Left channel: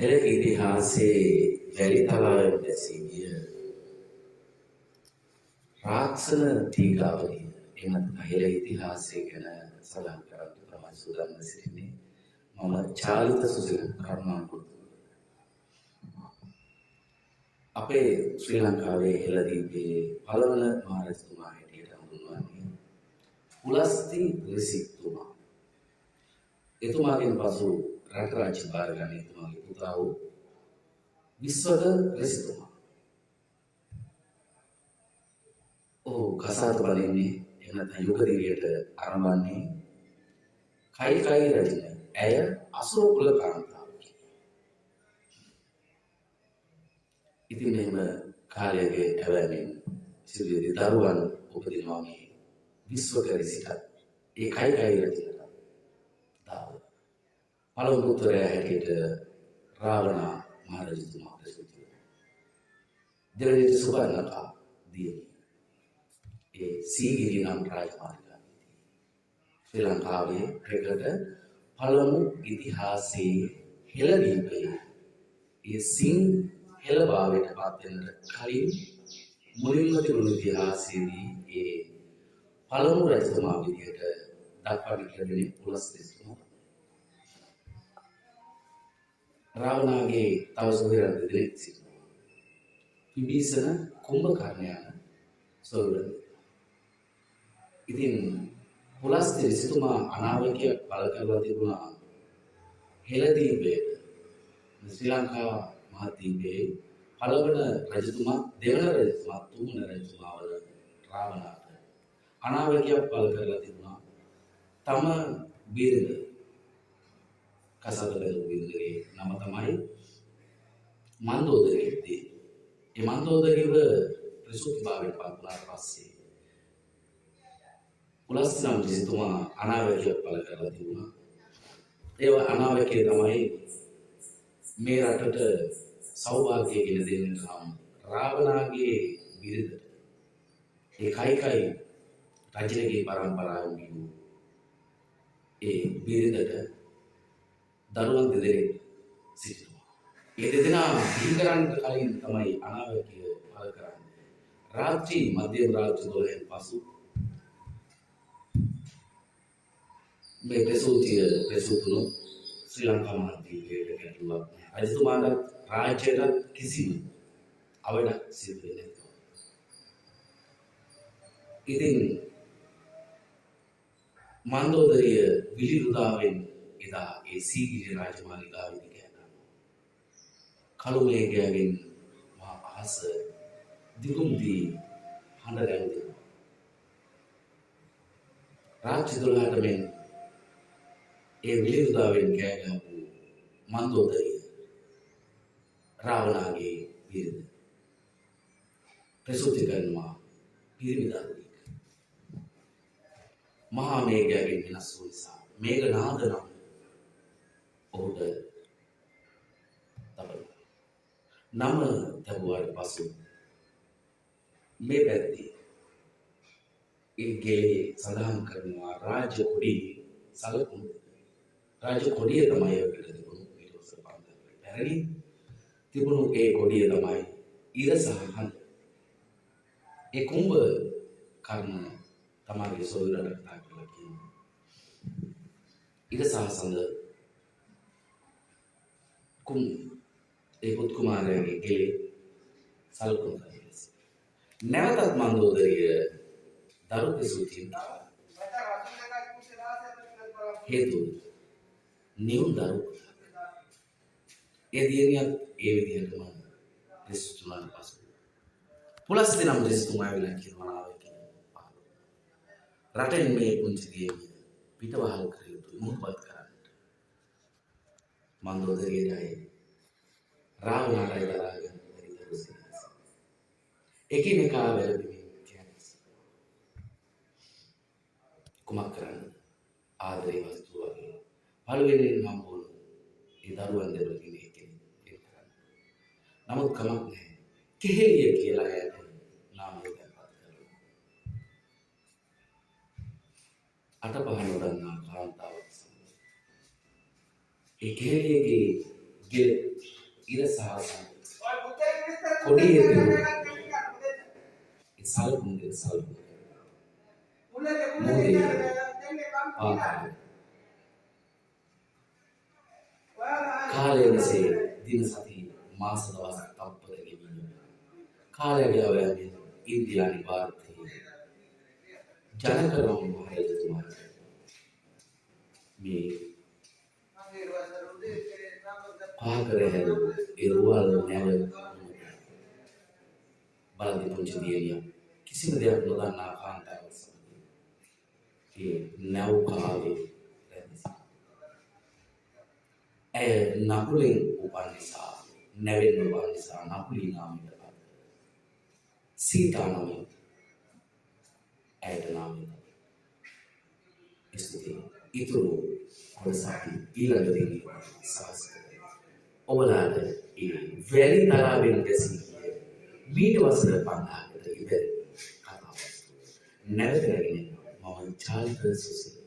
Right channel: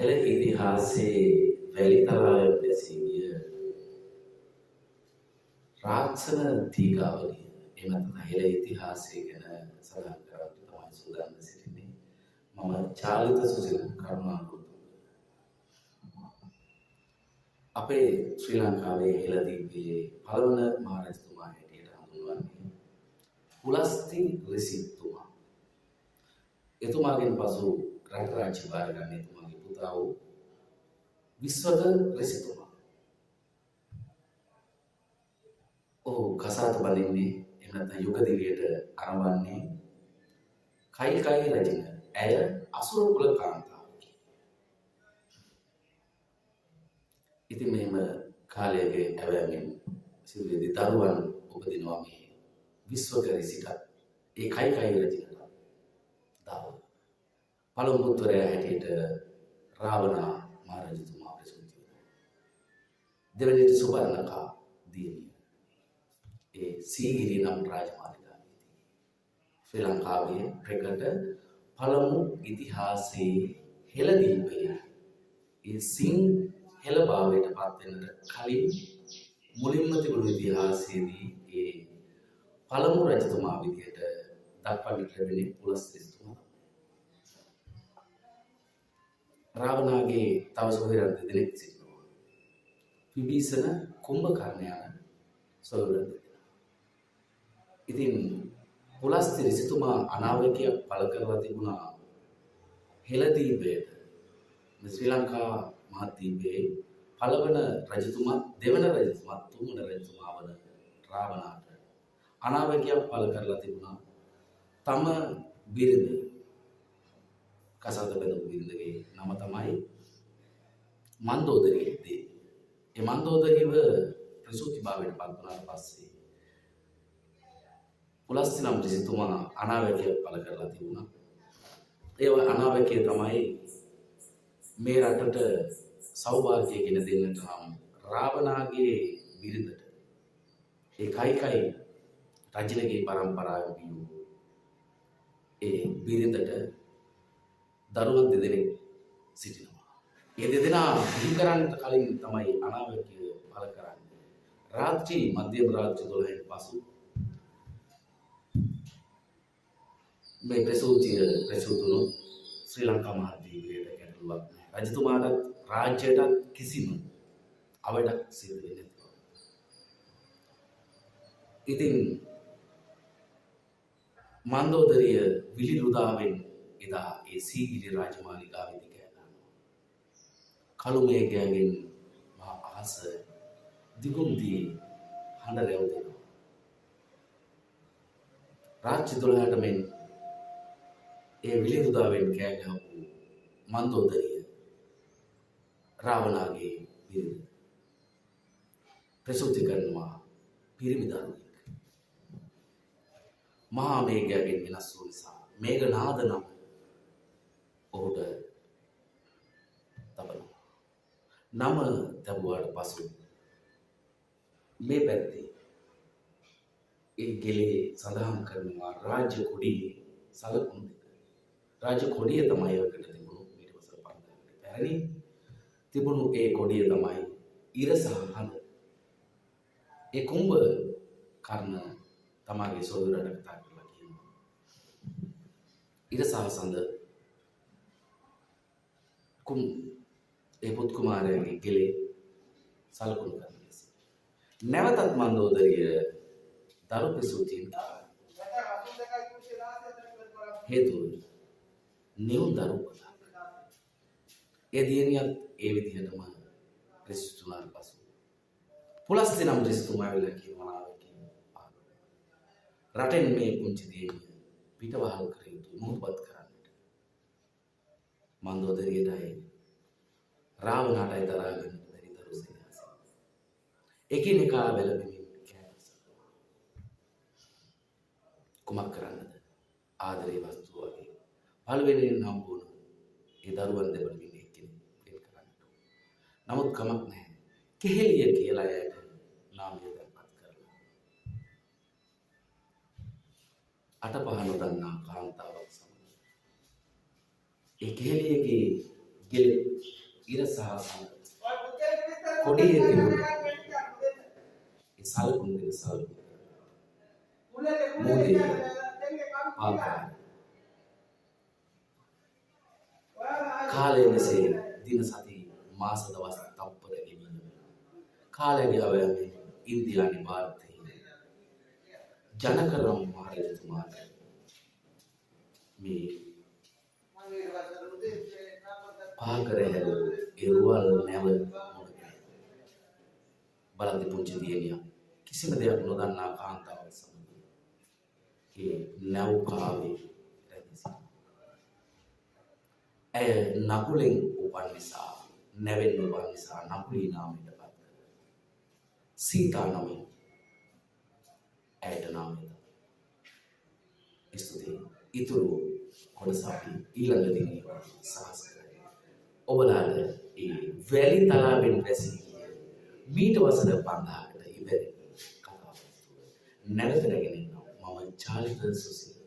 හෙළ ඉතිහාසයේ වැලිතලාවෙන් දැසී ගිය රාක්ෂණ තීගාවලිය එනත් හෙළ ඉතිහාසය ගැන සඳහන් කරන්න තමයි සූදානම් සිටින්නේ. මම චාලිත සුසිල කරුණාකරන අපේ ශ්‍රී ලංකාවේ හෙළදීපේ පළවන මහරජතුමා හැටියට හඳුන්වන්නේ පුලස්ති රිසිතුමා. එතුමාගෙන් පසු රට රාජ්‍ය භාර ගන්න එතුමාගේ පුතා වූ විශ්වක රිසිතුමා. ඔහු කසාද බඳින්නේ එහෙම නැත්නම් යුගදිරියට අරඹන්නේ කයිකයි රජින. ඇය අසුර කුල කාන්තාවකි. ඉතින් මෙහෙම කාලයක ඇවැමින් සිදුවේදී දරුවන් උපදිනවා මේ විශ්වක රිසිට. ඒ කයිකයි රජිනට දාව. පළමු පුත්‍රයා හැටියට රාවණ මහරජතුමා ප්‍රසූත වෙනවා. දෙවෙනි සුබර්ණකා දියණිය. ඒ සීගිරි නම් රාජමාලිගාවේදී ශ්‍රී ලංකාවේ ප්‍රකට පළමු ඉතිහාසයේ හෙළදීපයේ ඒ හෙළ භාවයට පත් වෙනට කලින් මුලින්ම තිබුණු ඉතිහාසයේදී ඒ පළමු රජතුමා විදියට දක්වන්නට ලැබෙන්නේ පුලස්තිස්තුමා. රාවණාගේ තව සොහොයුරන් දෙදෙනෙක් සිටිනවා. විභීෂණ කුම්භකර්ණ යන සොහොයුරන්. ඉතින් පුලස්ති ඍෂිතුමා අනාවැකියක් පළ කරලා තිබුණා හෙළදීපයේ ශ්‍රී ලංකා මහද්වීපයේ පළවන රජතුමා දෙවන රජතුමා තුන්වන රජතුමා වන රාවණාට අනාවැකියක් පළ කරලා තිබුණා. තම බිරිඳ කසාද බැඳපු බිරිඳගේ නම තමයි මන්දෝදරිය. ඒ මන්දෝදරියව ප්‍රසූතිභාවයට පත් වුණාට පස්සේ පුලස්ති නම් ඍෂිතුමා අනාවැකියක් පළ කරලා තිබුණා. ඒ අනාවැකිය තමයි මේ රටට සෞභාග්‍ය ගෙන දෙන්නට නම් රාවණාගේ බිරිඳට ඒ කයිකයි රජලගේ පරම්පරාවෙන් වූ ඒ බිරිඳට දරුවන් දෙදෙනෙක් සිටිනවා. ඒ දෙදෙනා බිහි කරන්නට කලින් තමයි අනාවැකිය පළ කරන්නේ. රාත්‍රී මධ්‍යම රාත්‍රී 12න් පසු මේ ප්‍රසූතුණු ශ්‍රී ලංකා මහද්වීපයට ගැටලුවක් නැහැ. රජතුමාට රාජ්‍යයට කිසිම අවඩක් සිදු වෙන්නේ නැහැ. ඉතින් මන්දෝදරිය විලිරුදාවෙන් එදා ඒ සීගිරි රාජමාලිගාවේදී ගෑනවා. කළු මේඝයෙන් මහා අහස දිගුම් දී හඬ රැවුදෙනවා. රාත්‍රී 12ට මෙන් ඒ විලිරුදාවෙන් කෑ ගහපු මන්දෝදරිය රාවණාගේ බිරිඳ ප්‍රසූති කරනවා පිරිමි දරුවෙක්. මහා මේඝයෙන් වෙනස් වූ නිසා මේඝනාද නම් ඔහුට තබනවා. නම තබුවාට පසු මේ පැත්තේ ඒ ගෙලේ සඳහන් කරනවා රාජ්‍ය කොඩියේ සලකුණු දෙක. රාජ්‍ය කොඩිය තමයි ඔකට තිබුණු ඊට පස්සේ 5000කට පැරණි තිබුණු ඒ කොඩිය තමයි ඉර සහ හඳ. ඒ කුඹ කර්ණ තමයි සොයුරට කතා කරලා කියනවා. ඉර සහ සඳ ඒ පුත් කුමාරයාගේ ගෙලේ සලකුණු කරනවා. නැවතත් මන්දෝදරිය දරු ප්‍රසූතියෙන් හේතුව නියුන් දරු ඒ දියණියත් ඒ විදිහටම ප්‍රසූතුනාට පසු පුලස්ති නම් ඍෂිතුමා වෙලා කියනවා රටෙන් මේ පුංචි දියණිය පිටවහල් කර යුතු මොහොතපත් කරන්නට මන්දෝදරියටයි රාවණාටයි දරාගෙන බැරි දරු සිනාස එකිනෙකා වැළපෙමින් කෑමස් කුමක් කරන්නද ආදරේ වස්තුව වගේ පළවෙනියෙන් හම්බුණු ඒ දරුවන් දෙපළකින් එක්කෙනෙක් වෙන් කරන්න. නමුත් කමක් නැහැ. කෙහෙලිය කියලා ඇයට නාමය දැන්පත් කරලා. අටපහ නොදන්නා කාන්තාවක් සමග ඒ කෙහෙලියගේ ගෙල ඉර සහ කොඩියේ තිබුණ ඒ සලකුණු දෙක සලකුණු මෝදේ පාකාර කාලය මෙසේ දින සති මාස දවස් තප්පර ගෙවීම කාලය ගාවෑමේ ඉන්දියානු ಭಾರತයේ ජනකරම් මහරජතුමාට මේ පාකරේ ඉරුවල් නැව බලන්ති පුංචි දියණියක් කිසිම දෙයක් නොදන්නා කාන්තාවක් සමග ඒ නැව් කාවේ ඇය නකුලෙන් උපන් නිසා නැවෙන් උපන් නිසා නකුලී නාමයට පත් සීතා නමින් ඇයට නාමය ස්තුතියි ඉතුරු කොටස අපි ඊළඟ දිනේ සාකච්ඡා කරමු ඔබලාට ඒ වැලි තලාවෙන් දැසී මීට වසර 5000කට ඉබේ කතාවක් නැවත රැගෙන මම චාලිත සුසිල්